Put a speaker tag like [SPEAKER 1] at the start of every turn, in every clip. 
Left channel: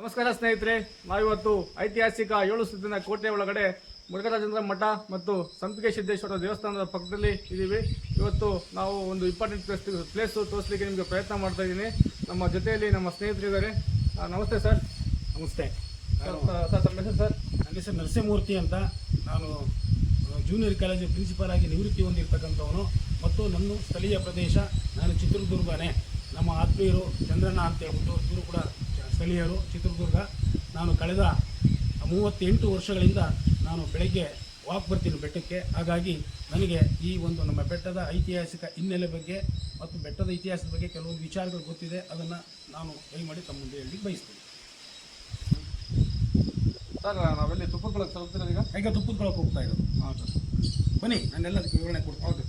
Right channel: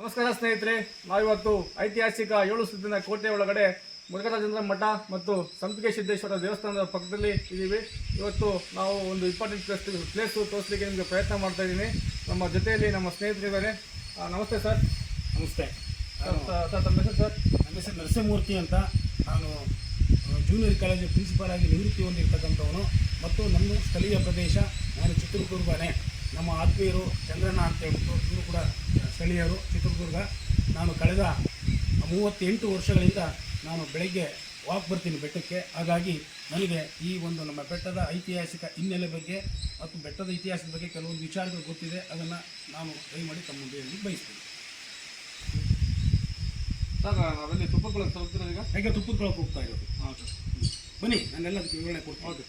[SPEAKER 1] ನಮಸ್ಕಾರ ಸ್ನೇಹಿತರೆ ನಾವಿವತ್ತು ಐತಿಹಾಸಿಕ ಏಳು ಸುತ್ತಿನ ಕೋಟೆ ಒಳಗಡೆ ಮುರುಘರಾಜೇಂದ್ರ ಮಠ ಮತ್ತು ಸಂಪಿಗೆ ಸಿದ್ದೇಶ್ವರ ದೇವಸ್ಥಾನದ ಪಕ್ಕದಲ್ಲಿ ಇದ್ದೀವಿ. ಇವತ್ತು ನಾವು ಒಂದು ಇಂಪಾರ್ಟೆಂಟ್ ಪ್ಲೇಸ್ ಪ್ಲೇಸು ತೋರಿಸಲಿಕ್ಕೆ ನಿಮಗೆ ಪ್ರಯತ್ನ ಮಾಡ್ತಾ ಇದ್ದೀನಿ. ನಮ್ಮ ಜೊತೆಯಲ್ಲಿ ನಮ್ಮ ಸ್ನೇಹಿತರಿದ್ದಾರೆ. ನಮಸ್ತೆ ಸರ್.
[SPEAKER 2] ನಮಸ್ತೆ.
[SPEAKER 1] ಸರ್ ತಮ್ಮ ಹೆಸರು ಸರ್?
[SPEAKER 2] ನನ್ನ ಹೆಸರು ನರಸಿಂಹಮೂರ್ತಿ ಅಂತ. ನಾನು ಜೂನಿಯರ್ ಕಾಲೇಜು ಪ್ರಿನ್ಸಿಪಾಲ್ ಆಗಿ ನಿವೃತ್ತಿ ಹೊಂದಿರ್ತಕ್ಕಂಥವನು. ಮತ್ತು ನಮ್ಮ ಸ್ಥಳೀಯ ಪ್ರದೇಶ ನಾನು ಚಿತ್ರದುರ್ಗನೇ. ನಮ್ಮ ಆತ್ಮೀಯರು ಚಂದ್ರಣ್ಣ ಅಂತ ಹೇಳ್ಬಿಟ್ಟು ಇವರು ಕೂಡ ಸ್ಥಳೀಯರು ಚಿತ್ರದುರ್ಗ. ನಾನು ಕಳೆದ ಮೂವತ್ತೆಂಟು ವರ್ಷಗಳಿಂದ ನಾನು ಬೆಳಗ್ಗೆ ವಾಕ್ ಬರ್ತೀನಿ ಬೆಟ್ಟಕ್ಕೆ. ಹಾಗಾಗಿ ನನಗೆ ಈ ಒಂದು ನಮ್ಮ ಬೆಟ್ಟದ ಐತಿಹಾಸಿಕ ಹಿನ್ನೆಲೆ ಬಗ್ಗೆ ಮತ್ತು ಬೆಟ್ಟದ ಇತಿಹಾಸದ ಬಗ್ಗೆ ಕೆಲವೊಂದು ವಿಚಾರಗಳು ಗೊತ್ತಿದೆ. ಅದನ್ನು ನಾನು ದಯಮಾಡಿ ತಮ್ಮ ಮುಂದೆ ಹೇಳಲಿಕ್ಕೆ ಬಯಸ್ತೀನಿ.
[SPEAKER 1] ಸರ್ ನಾವೆಲ್ಲಿ ಕೊಳಕ್ಕೆ ತಲುಪ್ತೀರಾ ಈಗ?
[SPEAKER 2] ಯಾಕೆ ತುಪ್ಪದ ಹೋಗ್ತಾ ಇರೋದು.
[SPEAKER 1] ಹಾಂ ಸರ್
[SPEAKER 2] ಬನ್ನಿ ನಾನೆಲ್ಲ ವಿವರಣೆ ಕೊಡ್ತೀನಿ.
[SPEAKER 1] ಓಕೆ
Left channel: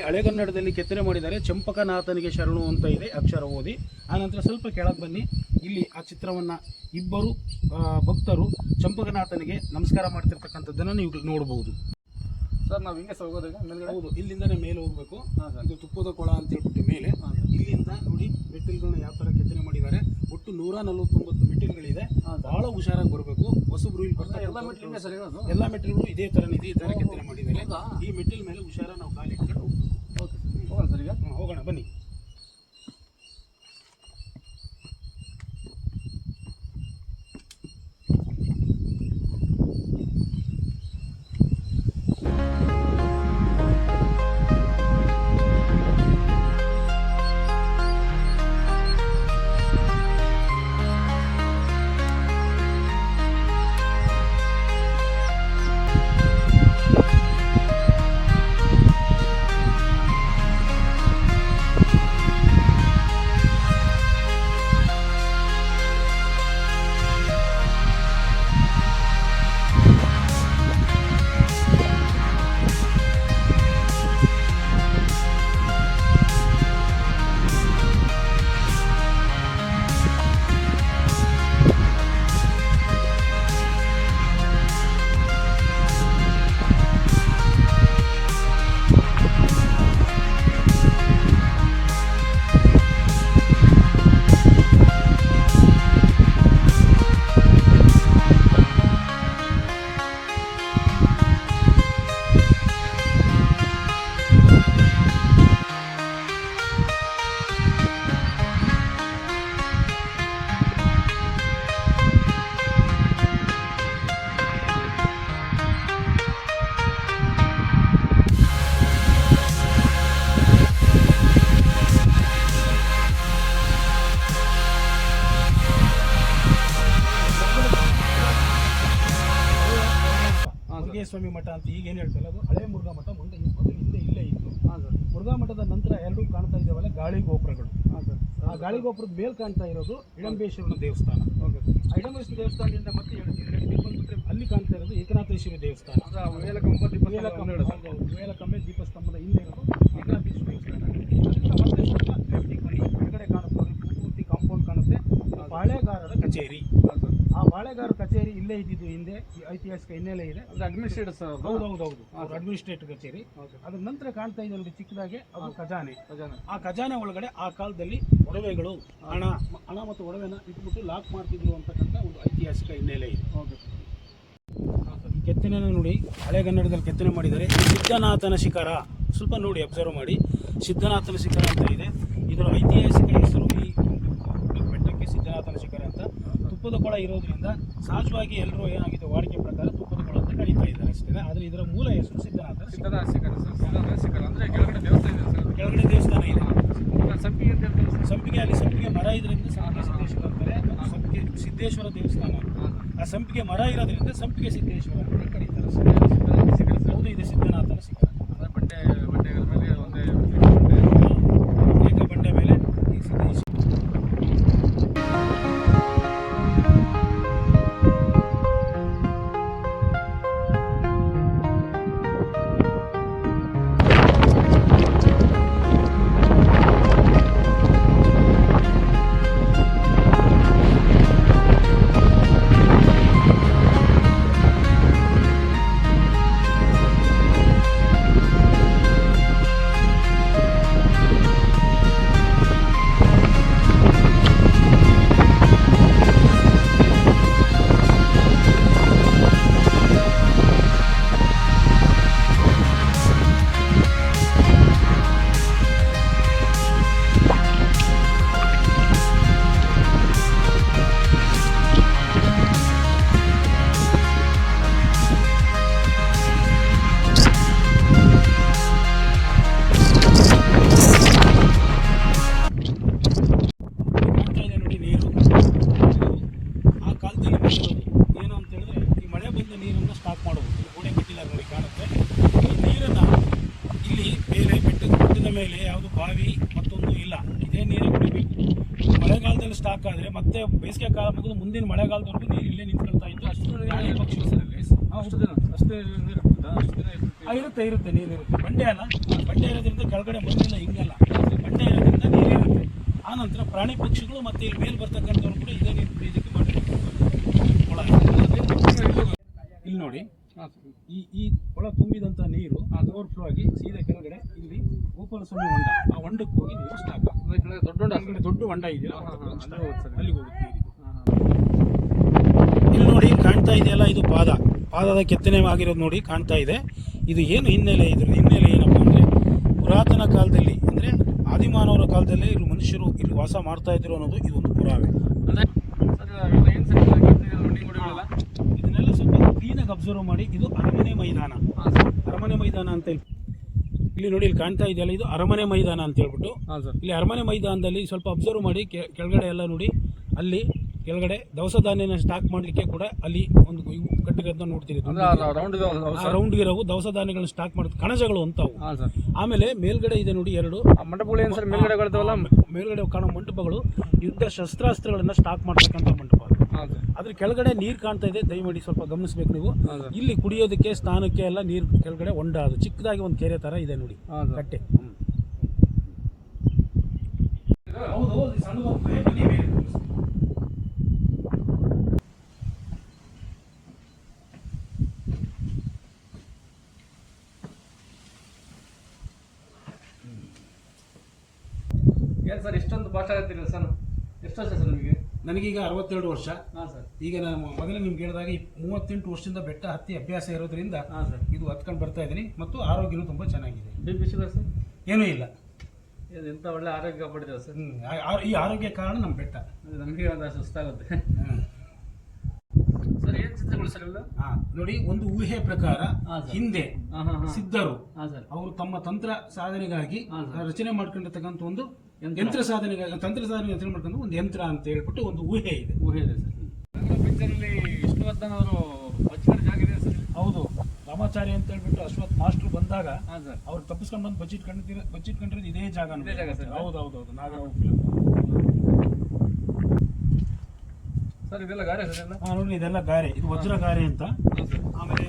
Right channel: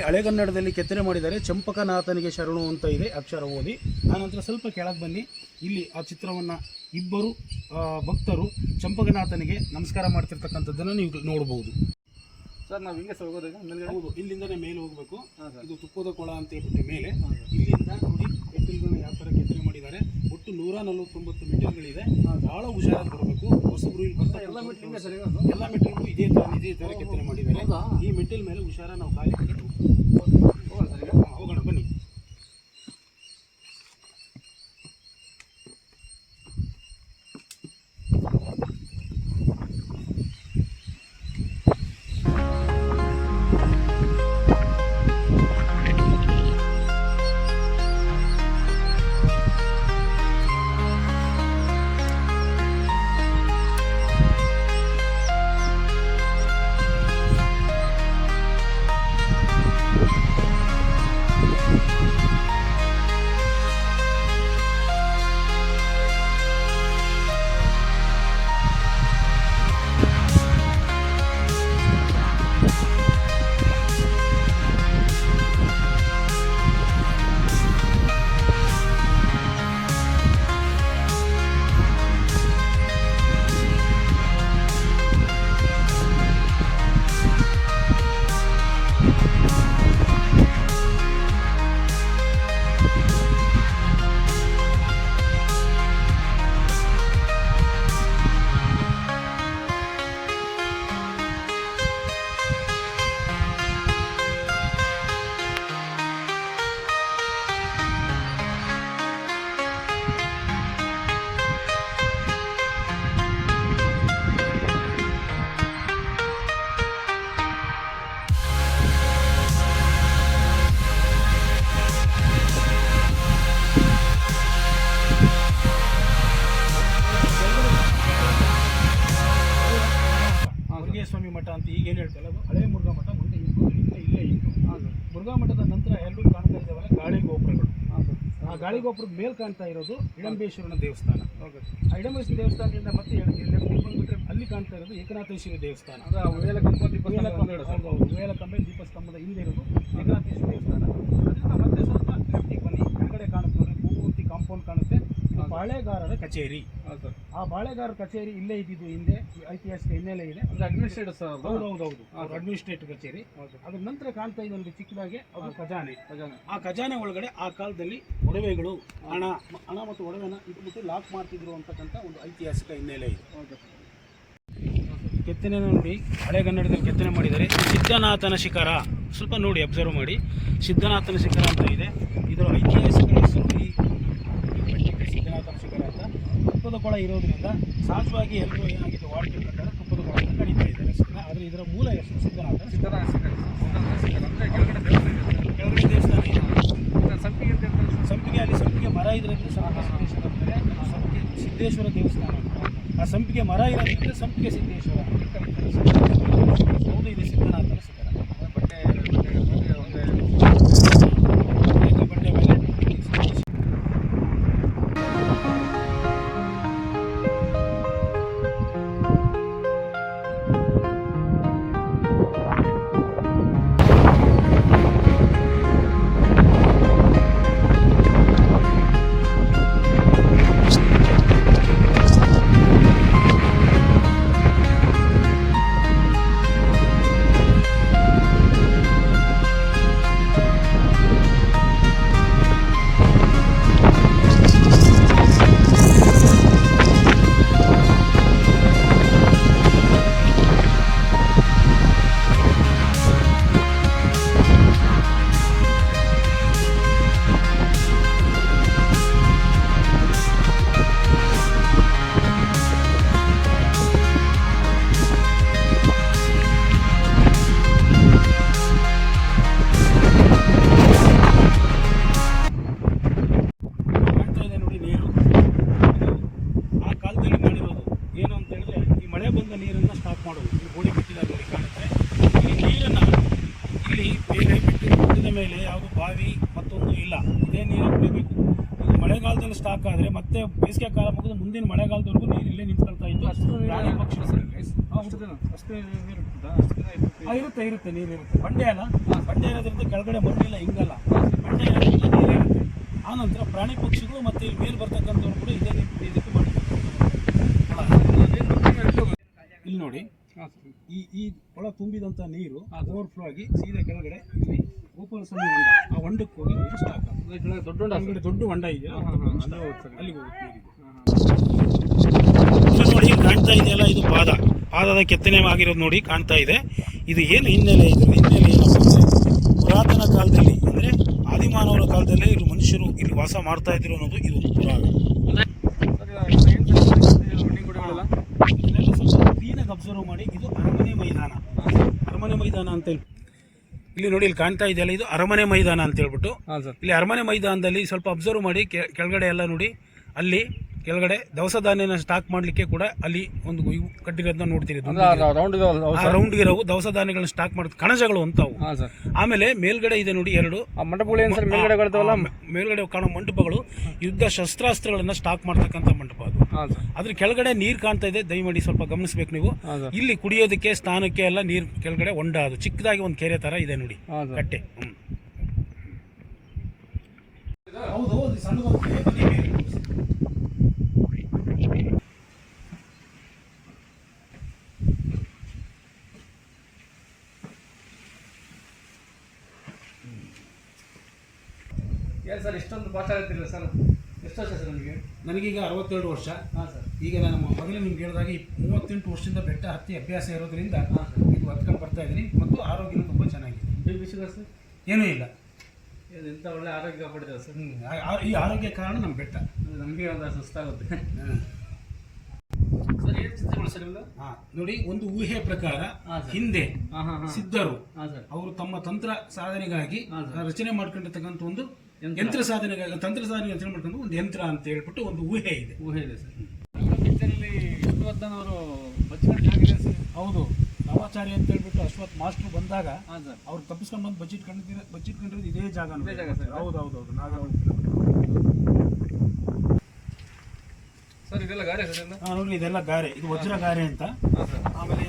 [SPEAKER 1] ಇಲ್ಲಿ
[SPEAKER 2] ಹಳೆಗನ್ನಡದಲ್ಲಿ ಕೆತ್ತನೆ ಮಾಡಿದ್ದಾರೆ. ಚಂಪಕನಾಥನಿಗೆ ಶರಣು ಅಂತ ಇದೆ ಅಕ್ಷರ ಓದಿ. ಆನಂತರ ಸ್ವಲ್ಪ ಕೆಳಗೆ ಬನ್ನಿ. ಇಲ್ಲಿ ಆ ಚಿತ್ರವನ್ನು ಇಬ್ಬರು ಭಕ್ತರು ಚಂಪಕನಾಥನಿಗೆ ನಮಸ್ಕಾರ ಮಾಡ್ತಿರ್ತಕ್ಕಂಥದ್ದನ್ನು ನೀವು ನೋಡಬಹುದು
[SPEAKER 1] ಸರ್ ನಾವು ಹಿಂಗೆ ಹೋಗೋದಾಗ
[SPEAKER 2] ಹೌದು. ಇಲ್ಲಿಂದನೇ ಮೇಲೆ ಹೋಗಬೇಕು. ಇದು ತುಪ್ಪದ ಕೊಳ ಅಂತ ಹೇಳ್ಬಿಟ್ಟು ಮೇಲೆ. ಇಲ್ಲಿಂದ ನೋಡಿ ಮೆಟ್ಟಿಲುಗಳನ್ನ ಯಾವ ಥರ ಕೆತ್ತನೆ ಮಾಡಿದ್ದಾರೆ. ಒಟ್ಟು ನೂರ ನಲವತ್ತೊಂಬತ್ತು ಮೆಟ್ಟಿಲುಗಳಿದೆ. ಭಾಳ ಹುಷಾರಾಗಿ ಬರಬೇಕು. ಹೊಸಬ್ರು ಇಲ್ಲಿ ಬರ್ತಾ
[SPEAKER 1] ಎಲ್ಲ ಮೆಟ್ಟಿಲು
[SPEAKER 2] ಎಲ್ಲ ಮೆಟ್ಟಿಲು ಇದೇ ಥರ ಇದೇ ಥರ ಕೆತ್ತನೆ ಮಾಡಿದ್ದಾರೆ? ಈ ಮೆಟ್ಟಿಲ ಮೇಲೆ ಹುಷಾರ ನಾವು ಕಾಲಿ От. ಸ್ವಾಮಿ ಮಠ ಅಂತ ಈಗ ಏನು ಹೇಳ್ತಲ್ಲ ಅದು ಹಳೆ ಮುರುಘಾ ಮಠ ಮುಂದೆ ಇತ್ತು ಇಲ್ಲೇ ಇಲ್ಲೇ ಇತ್ತು. ಮುರುಘಾ ಮಠದ ನಂತರ ಎರಡು ಕಾಣ್ತಾ ಇದ್ದಾವಲ್ಲ ಗಾಳಿ ಗೋಪುರಗಳು. ಆ ಗಾಳಿ ಗೋಪುರದ ಮೇಲೆ ಕಾಣ್ತಾ ಇರೋದು ಇಡಂಬೇಶ್ವರನ ದೇವಸ್ಥಾನ.
[SPEAKER 1] ಓಕೆ.
[SPEAKER 2] ಆ ಇಡಂಬೇಶ್ವರ ದೇವಸ್ಥಾನದಿಂದ ಮತ್ತೆ ಅಲ್ಲಿ ಕಾಣ್ತಾ ಇರೋದು ಏಕನಾಥೇಶ್ವರಿ ದೇವಸ್ಥಾನ.
[SPEAKER 1] ವೇಲಕಂಬ ದೀಪ ವೇಲಕಂಬೆ
[SPEAKER 2] ಹೌದು, ದೀಪಸ್ತಂಭದ ಹಿಂದೆ ಇರೋದು ಏಕನಾಥೇಶ್ವರಿ ದೇವಸ್ಥಾನ ಅದರಿಂದ ಮತ್ತೆ ಸ್ವಲ್ಪ ಲೆಫ್ಟಿಗೆ ಬನ್ನಿ ಕೆಳಗಡೆ ಕಾಣುತ್ತೆ ನೋಡಿ ಪೂರ್ತಿ ಕಾಂಪೌಂಡ್ ಕಾಣುತ್ತೆ ಬಾಳೆಗಾರರ ಕಚೇರಿ. ಆ ಬಾಳೆಗಾರ ಕಚೇರಿ ಇಲ್ಲೇ ಇದ್ದಿದ್ದು ಹಿಂದೆ ಈ ಐತಿಹಾಸಿಕ ಹಿನ್ನೆಲೆ ಇದೆ.
[SPEAKER 1] ಅಡ್ಮಿನಿಸ್ಟ್ರೇಟರ್
[SPEAKER 2] ಹೌದು ಹೌದು ಹೌದು. ಅವ್ರ ಅಡ್ಮಿನಿಸ್ಟ್ರೇಟಿವ್ ಕಚೇರಿ. ಅದ್ರ ನಂತರ ಕಾಣ್ತಾ ಇದೆ ಒಂದು ಚಿಕ್ಕದಾಗೆ ಅದು ಖಜಾನೆ.
[SPEAKER 1] ಖಜಾನೆ.
[SPEAKER 2] ಆ ಖಜಾನೆ ಒಳಗಡೆ ಆ ಕಾಲದಲ್ಲಿ ಒಡವೆಗಳು ಹಣ ಹಣ ಮತ್ತು ಒಡವೆನ ಇಟ್ಬಿಟ್ಟು ಲಾಕ್ ಮಾಡ್ತಿದ್ರು ಅಂತಕ್ಕಂಥ ಒಂದು ಐತಿಹಾಸಿಕ ಹಿನ್ನೆಲೆ ಇದೆ. ಕೆತ್ತನೆ ನೋಡಿ ಹಳೆಗನ್ನಡದಲ್ಲಿ ಕೆತ್ತನೆ ಮಾಡಿದ್ದಾರೆ. ಸಿದ್ಧನಾಥನ ಶಿಖರ ಸ್ವಲ್ಪ ನೋಡಿ ಅಬ್ಸರ್ವ್ ಮಾಡಿ. ಸಿದ್ಧನಾಥನ ಶಿಖರ ಅಂತ ಇದೆ. ಇದರ ಐತಿಹಾಸಿಕ ಹೆಸರು ಈ ತುಪ್ಪದ ಕೊಳ ಇರೋದ್ರಿಂದ ಸಹಜವಾಗಿ ಎಲ್ಲರೂ ಏನಾಗಿದೆ ವಾಡಿಕೆ ಪ್ರಕಾರ ತುಪ್ಪದ ಅಂತ ಕಡಿತಾ ಇದ್ದಾರೆ ಅಷ್ಟೇ. ಆದರೆ ಇದರ ಮೂಲ ಹೆಸರು ಸಿದ್ಧನಾಥ
[SPEAKER 1] ಸಿದ್ಧರ ಸಿಕ್ಕರೆ ಸಿದ್ಧರ ಸಿಕ್ಕರೆ ಅಂದರೆ ಕೆಳಗಡೆ ದೇವಸ್ಥಾನ.
[SPEAKER 2] ಕೆಳಗಡೆ ದೇವಸ್ಥಾನ ಇದೆ.
[SPEAKER 1] ಸಂಪಿಗೆ ಅಂತ
[SPEAKER 2] ಸಂಪಿಗೆ ಅಲ್ಲಿ ಸಂಪಿಗೆ ಮರ ಇದರಿಂದ ಸಿದ್ದೇಶ್ವರ ಅಂತಾರೆ. ಆ ಸಂಪಿಗೆ ಸಿದ್ದೇಶ್ವರ ದೇವಸ್ಥಾನ ಆ ಸಂಪಿಗೆ ಮರ ಇರೋದ್ರಿಂದ ಸಂಪಿಗೆ ಸಿದ್ದೇಶ್ವರ ಅಂತ ಕರೀತಾರೆ ಹೌದು ಇದೆ ಸಿದ್ಧನಾಥನ ಶಿಖರ ಸ್ಟಾಕ್ ಮಾಡೋದು ಇಲ್ಲಿ ಗೋಡೆ ಬಿಟ್ಟಿಲ್ಲ ನೋಡಿ ಕಾಣುತ್ತೆ. ಈ ನೀರನ್ನು ಇಲ್ಲಿ ಬೇರೆ ಬಿಟ್ಟು ಬೆಟ್ಟದ ಮೇಲೆ ಯಾವುದು ಬಾವಿ ಮತ್ತೊಂದು ಇಲ್ಲ. ಇದೇ ನೀರು ಕುಡಿಬೇಕು ಮಳೆಗಾಲದಲ್ಲಿ ಸ್ಟಾಕ್ ಆದರೆ ಮತ್ತೆ ಬೇಸಿಗೆ ಕಾಲ ಮುಗಿದು ಮುಂದಿನ ಮಳೆಗಾಲದವರೆಗೂ ನೀರು ಇಲ್ಲೇ ನಿಂತ್ಕೊಳ್ತಾ ಇತ್ತು.
[SPEAKER 1] ಅಷ್ಟು ದಿನ ಅಷ್ಟು ನೀರು
[SPEAKER 2] ಇರುತ್ತೆ. ಇರುತ್ತೆ. ನೀರು ಇರುತ್ತೆ. ಬಂಡೆ ಅಲ್ಲ. ಬಂಡೆ ಇರೋದ್ರಿಂದ ಕೆಳಗಡೆ ಮಣ್ಣಿಲ್ಲ ಹಿಂಗಲ್ಲ ಬಂಡೆ ಇರೋದ್ರಿಂದ ನೀರು ಇರುತ್ತೆ. ಆ ನಂತರ ಪ್ರಾಣಿ ಪಕ್ಷಿಗಳು ಮತ್ತೆ ಇಲ್ಲಿ ಮೇಲೆ ಬರ್ತಕ್ಕಂಥವ್ರು ಕೂಡ ಇದೇ ನೀರು ಕುಡಿಯೋದಕ್ಕೆ ಮಾಡ್ಕೊಂಡು ಇಲ್ಲಿ ನೋಡಿ. ಈ ಈ ಕೊಳ ತುಂಬಿದಂಥ ನೀರು ಓವರ್ಫ್ಲೋ ಆಗಿ ಸೀದಾ ಕೆಳಗಡೆ ಇಲ್ಲಿ ಗೋಪಾಲ ಸ್ವಾಮಿ ಹೊಂಡ. ಆ ಹೊಂಡಕ್ಕೆ ಹೋಗಿ ನೀರು ಸ್ಟಾಕ್
[SPEAKER 1] ದೊಡ್ಡ ದೊಡ್ಡ
[SPEAKER 2] ಕೆಳಗಡೆ ದೊಡ್ಡ ಹೊಂಡ ಇದೆ. ಅಲ್ಲಿಗೆ ಹೋಗುತ್ತೆ ಇದು ನೋಡಿ ಕಾಣ್ತಾ ಇದೆಯಲ್ಲ ಇದು ಪಾದ. ಪಾದದ ಕೆತ್ತನೆ ಆಗಿರೋದು ನೋಡಿ ಕಾಣ್ತಾ ಇದೆ. ಇದು ಏನು ಹಿನ್ನೆಲೆ ಇದ್ರ ಹಿನ್ನೆಲೆ ಏನಪ್ಪ ಅಂದರೆ ಪುರಾತನ ಕಾಲದಲ್ಲಿ ಅಂದರೆ ಆದಿಮಾನವರ ಕಾಲದಲ್ಲಿ ಇಲ್ಲಿ ಮನುಷ್ಯರು ಇಲ್ಲಿ ವಾಸ ಮಾಡ್ತಾ ಇದ್ರು ಅನ್ನೋದು ಇದು ಒಂದು ಪುರಾವೆ
[SPEAKER 1] ಸರ್ ಇದು ಏನು ಸರ್ ರನ್ನಿಂಗ್ ಗುಡಿಗಳೆಲ್ಲ
[SPEAKER 2] ಇದನ್ನೆಲ್ಲ ಕ್ಲೀನಾಗಿ ಅಬ್ಸರ್ವ್ ಮಾಡಿ ಇದು ಅರಮನೆ ಮೈದಾನ. ಅರಮನೆ ಮೈದಾನ ಅಂತ ಹೇಳಿ. ಇಲ್ಲಿ ನೋಡಿ ಇಲ್ಲಿ ಕಾಣ್ತಾ ಇದೆಯಲ್ಲ ಇದು ಅರಮನೆ ಮೈದಾನ ಅಂತ ಹೇಳ್ಬಿಟ್ಟು. ಇಲ್ಲಿ ಅರಮನೆ ಮೈದಾನದಲ್ಲಿ ಸ್ವಲ್ಪ ಅಬ್ಸರ್ವ್ ಮಾಡಿ ಕೆಳಗಡೆ ಎಲ್ಲ ನೋಡಿ. ಅಲ್ಲಿ ಕೆಳಗಡೆ ದವಸ ಧಾನ್ಯನ ಸ್ಟಾಕ್ ಮಾಡಲಿಕ್ಕೆ ಕೂಡ ಅಲ್ಲಿ ಒಂದು ಇವು ಕಟ್ಟಿರೋದನ್ನ ನೋಡ್ತೀರಿ.
[SPEAKER 1] ಅಂದ್ರೆ ರೌಂಡ್
[SPEAKER 2] ಆ ರೌಂಡ್ ಇರೋವು ದವಸ ಧಾನ್ಯಗಳನ್ನ ಸ್ಟಾಕ್ ಮಾಡೋದು ಕಣಜಗಳು ಅಂತಾವು ಆಮೇಲೆ ಮೇಲ್ಗಡೆ ಇದೆ ನೋಡಿ ಎರಡು. ಮೇಲ್ಗಡೆ ಕಾಣೋ ಮಂಟಪಗಳು ಯುದ್ಧ ಶಸ್ತ್ರಾಸ್ತ್ರಗಳನ್ನ ಸ್ಟಾಕ್ ಮಾಡ್ತಕ್ಕಂಥ ಮಂಟಪ ಅದು. ಅದ್ರ ಕೆಳಗಡೆ ನೀರು ಕಾಣ್ತಾ ಇದೆ. ದಯಮಾಡಿ ಸ್ವಲ್ಪ ಗಮನಿಸ್ಬೇಕು ನೀವು. ಇಲ್ಲಿ ಕುಡಿಯೋದಕ್ಕೆ ಸ್ಥಾನಕ್ಕೆ ಎಲ್ಲ ನೀರು ಕೆಳಗಡೆ ಹೊಂಡ ಅದು. ಚಿಕ್ಕದಾಗಿ ಒಂದು ಕೆರೆ ತರ ಇದೆ ನೋಡಿ.
[SPEAKER 1] ಕಟ್ಟೆ. ಹೌದು
[SPEAKER 2] ಕಟ್ಟೆ ಹ್ಮ್. ಹೌದು ಹೌದು ಸಣ್ಣದಾಗುತ್ತೆ ಬನ್ನಿ ಮೇಲೆ.
[SPEAKER 1] ಏನು ಸರ್ ಇಷ್ಟೊಂದು ಭಾಷೆ ಆಗತ್ತಿಲ್ಲ ಸರ್ ಎಷ್ಟು ವರ್ಷ ಸರ್ ನಿಮಗೆ?
[SPEAKER 2] ನನಗೀಗ ಅರವತ್ತೆರಡು ವರ್ಷ.
[SPEAKER 1] ಹಾಂ ಸರ್.
[SPEAKER 2] ಈಗ ನಾನು ಮೊದಲೇ ನಿಮ್ಗೆ ಹೇಳಿದಾಗ ಈ ಮೂವತ್ತೆಂಟು ವರ್ಷದಿಂದ ಬೆಟ್ಟ ಹತ್ತಿ ಅಭ್ಯಾಸ ಇರೋದ್ರಿಂದ
[SPEAKER 1] ಹಾಂ ಸರ್.
[SPEAKER 2] ಇದು ಹತ್ಕೊಂಡು ಬರ್ತಾ ಇದ್ದೀನಿ ಮತ್ತು ಆರೋಗ್ಯನೂ ತುಂಬ ಚೆನ್ನಾಗಿದೆ.
[SPEAKER 1] B P sugar sir?
[SPEAKER 2] ಏನೂ ಇಲ್ಲ.
[SPEAKER 1] ಇದು ಎಂಥ ಒಳ್ಳೆ ಆರೋಗ್ಯ ಪಡೆದಿದೆ ಸರ್?
[SPEAKER 2] ಹ್ಮ್. ಈ ಆರೋಗ್ಯ ಕಾರಣ ನಮ್ಮ ಬೆಟ್ಟ.
[SPEAKER 1] ನನಗೆ ನಮಗೆ ಒಂದು ಸುಸ್ತಾಗುತ್ತೆ.
[SPEAKER 2] ಹ್ಮ್.
[SPEAKER 1] ಸರ್ ಏನು ಚಿತ್ರಗಳು ಸರ್ ಇವೆಲ್ಲ?
[SPEAKER 2] ಹಾ, ನೋಡಿ ಒಂದು ಊಹೆ ಪ್ರಕಾರ
[SPEAKER 1] ಹಾ, ಸರ್.
[SPEAKER 2] ಹಿಂದೆ
[SPEAKER 1] ಹಾಂ ಹಾಂ ಹಾಂ.
[SPEAKER 2] ಸಿದ್ಧರು
[SPEAKER 1] ಹಾಂ ಸರ್.
[SPEAKER 2] ಅವರು ತಮ್ಮ ತಂತ್ರ ಸಾಧನೆಗಾಗಿ
[SPEAKER 1] ಹಾ, ಸರ್.
[SPEAKER 2] ರಚನೆ ಮಾಡ್ಕೊಂಡಿರ್ತಕ್ಕಂಥ ಒಂದು
[SPEAKER 1] ಯಂತ್ರ.
[SPEAKER 2] ಯಂತ್ರ ಸಾಧನೆಗಾಗಿ ತಂತ್ರ ಸಾಧನೆ ಅಂತ ಮಾಡ್ಕೊಂಡು ಒಂದು ಯಂತ್ರ ಅಂತ ಹೇಳ್ಬಿಟ್ಟು ಒಂದು ಊಹೆ ಇದೆ.
[SPEAKER 1] ಊಹೆ ಇದೆ ಸರ್. ಪಿಕ್ಚರಲ್ಲಿ ವಿಷ್ಣುವರ್ಧನ್ ಅವರು ಬಜೆಟ್ ಜಾಗ ಸರ್.
[SPEAKER 2] ಹೌದು ರಾಮಾಚಾರ್ಯ ಅಂತ ಹೇಳ್ಬಿಟ್ಟು ಅಶ್ವತ್ ಮಾಸ್ಟರ್ ಬಂದಾಗ
[SPEAKER 1] ಹಾಂ ಸರ್.
[SPEAKER 2] ಅವ್ರು ತಪ್ಪಿಸ್ಕೊಂಡು ಬಂದು ಬಜೆಟ್ ಕಂಡಿದ್ದೀರ ಬಜೆಟ್ ಕಂಡಿರೋದು ಇದೇ ಜಾಗ
[SPEAKER 1] ಇದೇ ಜಾಗ ಸರ್.
[SPEAKER 2] ಹೌದು ಹೌದು ಹೌದು. ನಾಗ
[SPEAKER 1] ಸರ್ ಇದೆಲ್ಲ ಗಾರೆ ಸರ್ ಎಲ್ಲ?
[SPEAKER 2] ಹಾ, ನೋಡಿ ಇದೆಲ್ಲ ಗಾರೆ. ಇದು ವಜ್ರ ಗಾರೆ ಅಂತ. ಆಮೇಲೆ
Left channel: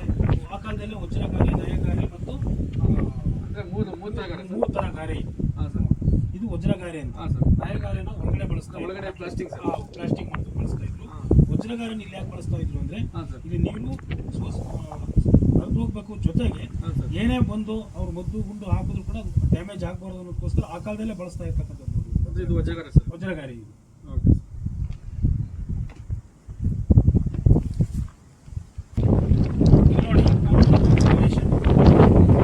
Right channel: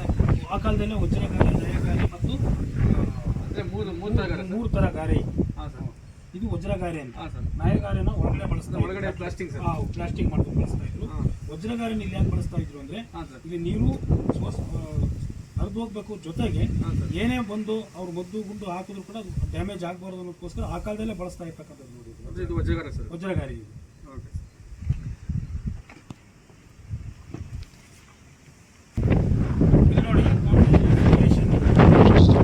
[SPEAKER 2] ಆ ಕಾಲದಲ್ಲೇ ವಜ್ರ ಗಾರೆ ಜಯ ಗಾರೆ ಮತ್ತು
[SPEAKER 1] ಅಂದರೆ ಮೂರು ಮೂರು ಥರ ಗಾರೆ
[SPEAKER 2] ಮೂರು ತರ ಗಾರೆ.
[SPEAKER 1] ಹಾಂ ಸರ್.
[SPEAKER 2] ಇದು ವಜ್ರಗಾರೆ ಅಂತ. ನಾಯಗಾರೆನ ಒಳಗಡೆ ಬಳಸ್ತಾ.
[SPEAKER 1] ಒಳಗಡೆ ಪ್ಲಾಸ್ಟಿಕ್
[SPEAKER 2] ಪ್ಲಾಸ್ಟಿಕ್ ಮಾಡ್ಕೊಂಡು ಬಳಸ್ತಾ ಇದ್ರು. ವಜ್ರಗಾರನ ಇಲ್ಲಿ ಯಾಕೆ ಬಳಸ್ತಾ ಇದ್ರು ಅಂದ್ರೆ ಇಲ್ಲಿ ನೀರು ಹರಿದು ಹೋಗ್ಬೇಕು ಜೊತೆಗೆ ಏನೇ ಬಂದು ಅವ್ರು ಮದ್ದು ಗುಂಡು ಹಾಕಿದ್ರು ಕೂಡ ಡ್ಯಾಮೇಜ್ ಆಗಬಾರ್ದು ಅನ್ನೋದಕ್ಕೋಸ್ಕರ ಆ ಕಾಲದಲ್ಲೇ ಬಳಸ್ತಾ ಇರ್ತಕ್ಕಂಥದ್ದು ನೋಡಿ.
[SPEAKER 1] ವಜ್ರಗಾರಿ
[SPEAKER 2] ವಜ್ರಗಾರಿ ಇದು
[SPEAKER 1] ಓಕೆ
[SPEAKER 2] ಇಲ್ಲಿ ನೋಡಿ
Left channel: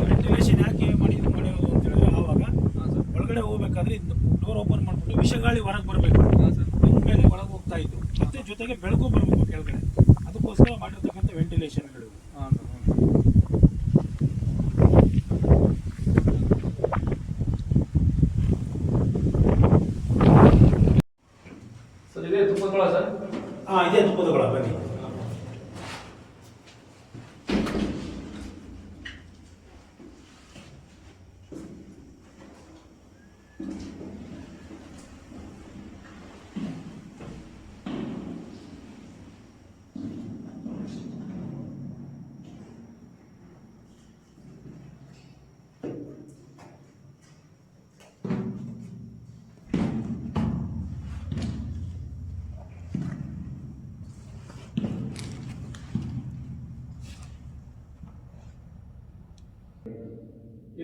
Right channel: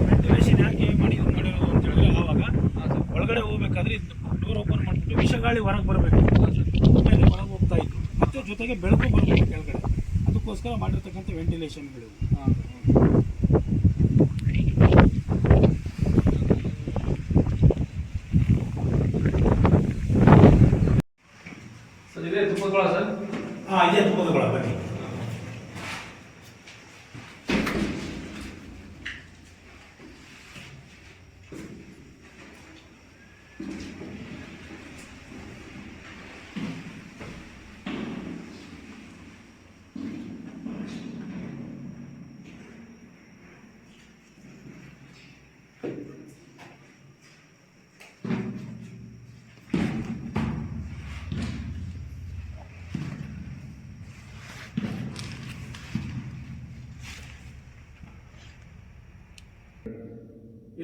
[SPEAKER 2] ವೆಂಟಿಲೇಷನ್ ಯಾಕೆ ಮಾಡಿ ಇದು ಮಾಡಿರೋದು ಅಂತ ಹೇಳಿದ್ರೆ ಆವಾಗ
[SPEAKER 1] ಹಾಂ ಸರ್
[SPEAKER 2] ಒಳಗಡೆ ಹೋಗ್ಬೇಕಾದ್ರೆ ಡೋರ್ ಓಪನ್ ಮಾಡ್ಬಿಟ್ಟು ವಿಷಗಾಳಿ ಹೊರಗೆ ಬರಬೇಕು
[SPEAKER 1] ಹಾಂ ಸರ್
[SPEAKER 2] ಮೇಲೆ ಹೊರಗೆ ಹೋಗ್ತಾ ಇದ್ರು ಮತ್ತೆ ಜೊತೆ ಜೊತೆಗೆ ಬೆಳಕು ಬರಬೇಕು ಕೆಳಗಡೆ. ಅದಕ್ಕೋಸ್ಕರ ಮಾಡಿರ್ತಕ್ಕಂಥ ವೆಂಟಿಲೇಷನ್ಗಳು
[SPEAKER 1] ಹಾಂ ಸರ್ ಇದೇ ತುಪ್ಪಗಳ ಸರ್
[SPEAKER 2] ಹಾಂ ಇದೇ ತುಪ್ಪದಗಳ ಬನ್ನಿ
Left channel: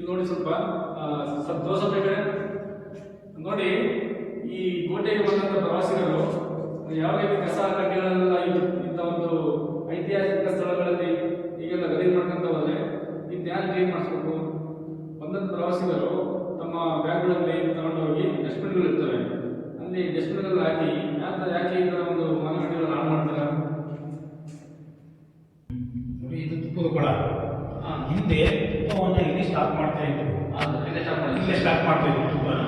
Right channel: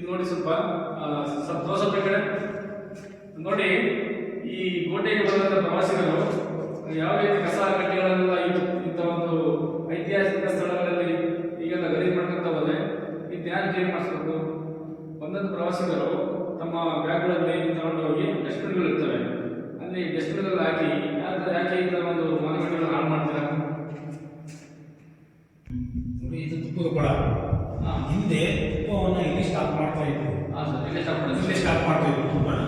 [SPEAKER 1] ನೋಡಿ ಸ್ವಲ್ಪ ಸ್ವಲ್ಪ ದೋಸೆ ಕಡೆ ನೋಡಿ, ಈ ಕೋಟೆಗೆ ಬಂದಂತ ಪ್ರವಾಸಿಗರು ಯಾವ ರೀತಿ ಕಸ ಕಡ್ಡಿಗಳೆಲ್ಲ ಇದು, ಇಂಥ ಒಂದು ಐತಿಹಾಸಿಕ ಸ್ಥಳಗಳಲ್ಲಿ ಈಗೆಲ್ಲ ಗಲೀಜು ಮಾಡ್ಕೊಂತ ಹೋದ್ರೆ ಈ ಧ್ಯಾನ ಕ್ಲೀನ್ ಮಾಡಿಸ್ಬೇಕು. ಬಂದಂತ ಪ್ರವಾಸಿಗರು ತಮ್ಮ ಬ್ಯಾಗ್ಗಳಲ್ಲಿ ತಗೊಂಡೋಗಿ ಡಸ್ಟ್ಬಿನ್ಗಳು ಇರ್ತವೆ. ಅಲ್ಲಿ ಡಸ್ಟ್ಬಿನ್ಗಳಲ್ಲಿ ಹಾಕಿ ಯಾಕೆ ಈ ಥರ ಒಂದು ಮನೆ ಮಾಡ್ತೀರಾ?
[SPEAKER 2] ನೋಡಿ ಇದು ತುಪ್ಪದ
[SPEAKER 1] ಹಾಂ
[SPEAKER 2] ಹಿಂದೆ ತುಪ್ಪವನ್ನು ಇಲ್ಲಿ ಸ್ಟಾರ್ಟ್ ಮಾಡ್ತಾ ಇದ್ರು.
[SPEAKER 1] ಇಲ್ಲೇ
[SPEAKER 2] ಸ್ಟಾಕ್ ಮಾಡ್ತಾ ಇದ್ರು ತುಪ್ಪನ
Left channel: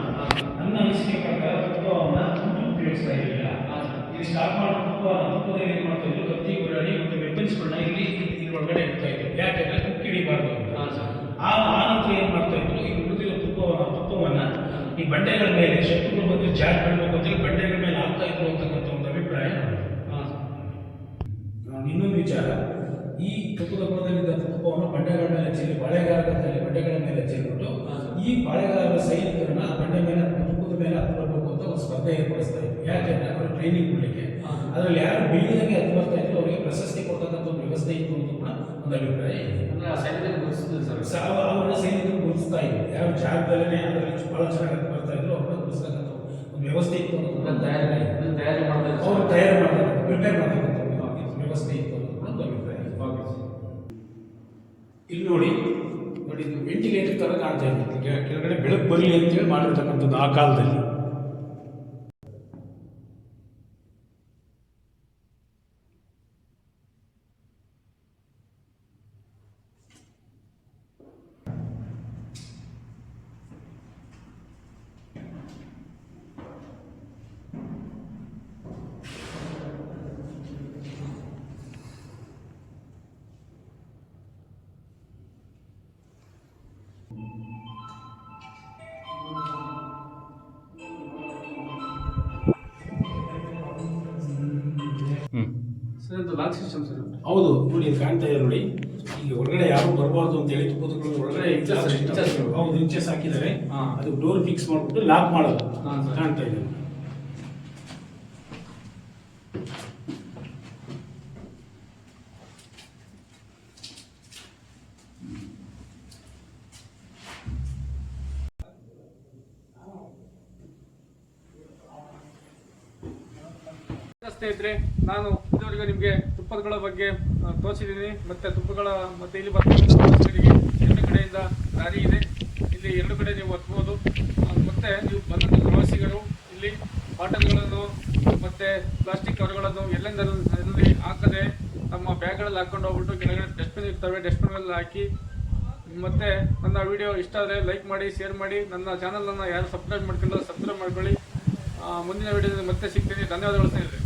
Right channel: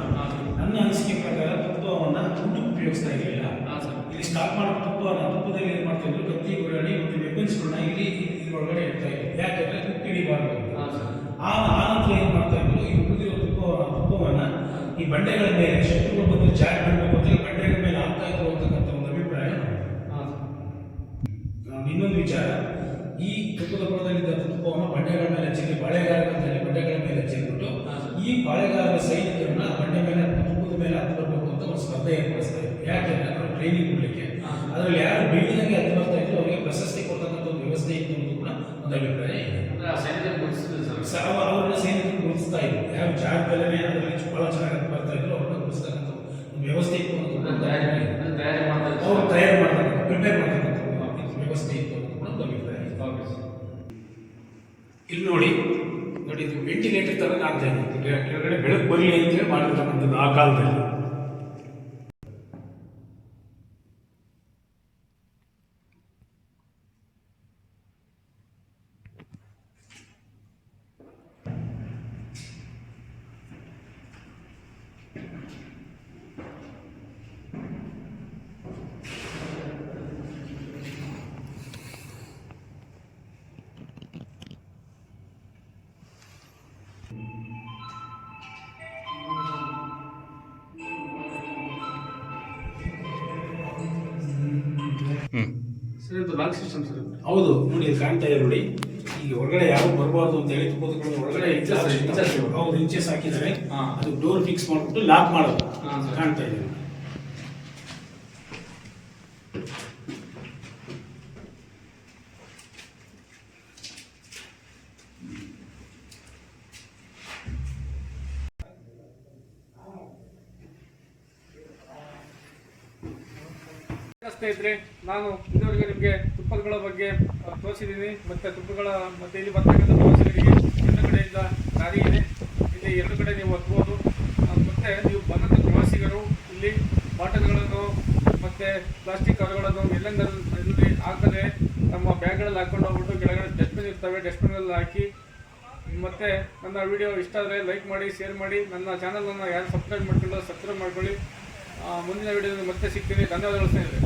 [SPEAKER 2] ನನ್ನ ಅನಿಸಿಕೆ ಪ್ರಕಾರ ತುಪ್ಪವನ್ನು ಮುಂದೆ ಉಪಯೋಗಿಸ್ತಾ ಇರಲಿಲ್ಲ.
[SPEAKER 1] ಹಾಂ ಸರ್.
[SPEAKER 2] ಇಲ್ಲಿ ಸ್ಟಾರ್ಟ್ ಮಾಡೋ ತುಪ್ಪವನ್ನು ತುಪ್ಪದಲ್ಲಿ ಏನು ಮಾಡ್ತಾ ಇದ್ರು ಕತ್ತಿ ಗುರಾಣಿ ಮತ್ತು ವೆಪನ್ಸ್ಗಳನ್ನ ಇಲ್ಲಿ ಇದ್ರೊಳಗಡೆ ಇಡ್ತಾ ಇದ್ರು. ಯಾಕೆಂದ್ರೆ ತುಪ್ಪ ಹಿಡಿಬಾರ್ದು ಆ ಆನಂತರ ನಂತರ ಏನು ಮಾಡ್ತಾ ಇದ್ರು ಈ ಉಳಿದಿರೋ ತುಪ್ಪ ತುಪ್ಪವನ್ನು ಈ ಬಂಡೆಗಳ ಮೇಲೆ ಶತ್ರುಗಳು ಬಂದು ಜಾಡ್ ಮಾಡಬೇಕು ಅಂತ ಬಂಡೆಗಳ ಮೇಲೆ ಹಾಕ್ತಾ ಇದ್ರು ಅಂತಕ್ಕಂಥ ಒಂದು ಅಭಿಪ್ರಾಯ
[SPEAKER 1] ಹಾಂ ಸರ್.
[SPEAKER 2] ನಾನು ಇನ್ನೊಂದು ವಿಚಾರ. ಈ ತುಪ್ಪದ ಕೊಳದಲ್ಲಿದ್ದ ತುಪ್ಪವನ್ನು ಬಂಡೆಗಳ ಮೇಲೆ ಚೆಲ್ಲಿ ಬಾಳೆಗಾರ ಅಂತ ಹೇಳಿ ಬಂಡೆಗಳ ಮೇಲೆ ಚೆಲ್ಬಿಟ್ಟು. ಈ ಬಾಳೆಗಾರರ ಸೈನಿಕರನ್ನ ಬಂಡೆ ಮೇಲೆ ತುಪ್ಪದ ಮೇಲೆ ಹತ್ತು ಬರಬೇಕು ಅಂತ ಒಂದು ಸ್ಪರ್ಧೆ ಏರ್ಪಡಿಸ್ತಾರೆ ಯಾಕೆ ಯಾಕೆಂದ್ರೆ ಅವರು ಟ್ರೈನಿಂಗ್ ಕೊಡಲಿಕ್ಕೆ. ಅದರಲ್ಲಿ ಯಾರು ಬೀಳಿದಂಗೆ ಹತ್ತು ಬರ್ತಾ ಇದ್ರು ಅವರಿಗೆ ಪ್ರಶಸ್ತಿ ಕೊಡ್ತಕ್ಕಂಥ ಒಂದು ವ್ಯವಸ್ಥೆ ಇತ್ತು ಅಂತ ಕೂಡ ಒಂದು ಅಭಿಪ್ರಾಯ ಇದೆ. ಅವ್ರನ್ನ ಸೈನಿಕರು ಗುರುತಿಸ್ತಾ ಇದ್ರು. ಯಾವ ಜಾಗದಲ್ಲೇ ಅದರಲ್ಲಿ ಬಹಳ ಚೆನ್ನಾಗಿ ಬರ್ತಾ ಇದ್ರು ಅವ್ರನ್ನ ಗುರುತಿಸ್ತಕ್ಕಂಥ ಒಂದು ವ್ಯವಸ್ಥೆ ಇತ್ತು ಅಂತ
[SPEAKER 1] ತಯಾರಿ ಮಾಡ್ತಾರೆ
[SPEAKER 2] ಅವ್ರು ತಯಾರಿ ಮಾಡ್ತಾರೆ ಪ್ರಿಪೇರ್ ಮಾಡ್ತಕ್ಕಂಥ ಒಂದು ವ್ಯವಸ್ಥೆ ಇತ್ತು ಅನ್ನೋದು ಕೂಡ ಒಂದು ಅಭಿಪ್ರಾಯ ಇದೆ.
[SPEAKER 1] ಓಕೆ ಸರ್
[SPEAKER 2] ಇಲ್ಲಿ ನೋಡಿ ನೋಡಿ ಇದು ತರ ಕಾಣ್ತಾ ಇದು. ಕೆಳಗಡೆ ಬೆಳಕು ಬರಲಿ ಅಂತೇಳಿ ಮಾಡಿರ್ತಕ್ಕಂಥದ್ದು ಆ ಕಾಲದಲ್ಲಿ.
[SPEAKER 1] ಸರ್ ಇದು ಲಾಕ್ ಸಿಸ್ಟಮ್ ಸರ್ ಇದು.
[SPEAKER 2] ಹೌದು ನೋಡಿ ಇದು ಕಾಣ್ತಾ ಇದೆ ನೋಡಿ ಈಗ ಹೊರಗಡೆ ಯಾರು ಬರಬಾರ್ದು ಅಂತ ಹೇಳಿ ತುಪ್ಪದ ಹೊರಗಡೆ
[SPEAKER 1] Inches, inches.
[SPEAKER 2] ಹೌದು ಇಂಚಸ್ ಹಾಕಿದ್ದಾರೆ
[SPEAKER 1] ಹಾ.
[SPEAKER 2] ಅದು ಡೋರ್ ಫಿಕ್ಸ್ ಮಾಡ್ಬಿಟ್ಟು ಲಾಕ್ ಮಾಡೋದು
[SPEAKER 1] ಹಾ, ಸರ್.
[SPEAKER 2] ಕಾಣ್ತಾ ಇದೆ
[SPEAKER 1] ಸ್ನೇಹಿತರೆ ನಾನು ಇದುವರೆಗೂ ನಿಮಗೆ ತುಪ್ಪಗಳ ಬಗ್ಗೆ ತೋರಿಸಿದ್ದೀನಿ. ಮತ್ತು ತುಪ್ಪಗಳ, ಮತ್ತು ಇಲ್ಲಿ ಬರ್ತಕ್ಕಂಥ ಪ್ರವಾಸಿಗರಿಗೆ ಎರಡು ಕಡೆಯಿಂದ ದಾರಿ ಇದೆ. ಇಲ್ಲಿ ಎರಡು ಕಡೆ ನೀವು ಹತ್ಬೋದು ಮತ್ತು ನೀವು ಬಂದಂಥ ಪ್ರವಾಸಿಗರು ಇಲ್ಲಿ ಬಾಟಲ್ಗಳನ್ನು ಮತ್ತು ಪ್ಲಾಸ್ಟಿಕ್ ಕವರ್ಗಳನ್ನು ಎಲ್ಲೆಂದರೂ ಇದರಲ್ಲಿ ಹಾಕದೆ ತಮ್ಮ ಬ್ಯಾಗ್ಗಳಲ್ಲಿ ಹಾಕ್ಕೊಂಡು ಹೋಗ್ಬಿಟ್ಟು ಕೆಳಗಡೆ ಡಸ್ಟ್ಬಿನ್ ಇರ್ತವೆ. ಡಸ್ಟ್ಬಿನಲ್ಲಿ ಹಾಕಿ ಮತ್ತೆ ನನ್ನ ವಿಡಿಯೋ ಇಷ್ಟ ಆದರೆ ಲೈಕ್ ಮಾಡಿ, ಶೇರ್ ಮಾಡಿ. ನನ್ನ ಚಾನಲನ್ನು ಯಾರು ಸಬ್ಸ್ಕ್ರೈಬ್ ಮಾಡ್ಕೊಂಡು ಸಬ್ಸ್ಕ್ರೈಬ್ ಮಾಡ್ಕೊಳ್ಳಿ. ಮುಂದಿನ ವಿಡಿಯೋದಲ್ಲಿ ಮತ್ತೆ ಸಿಗ್ತೀನಿ. ಧನ್ಯವಾದಗಳು ಸ್ನೇಹಿತರೆ.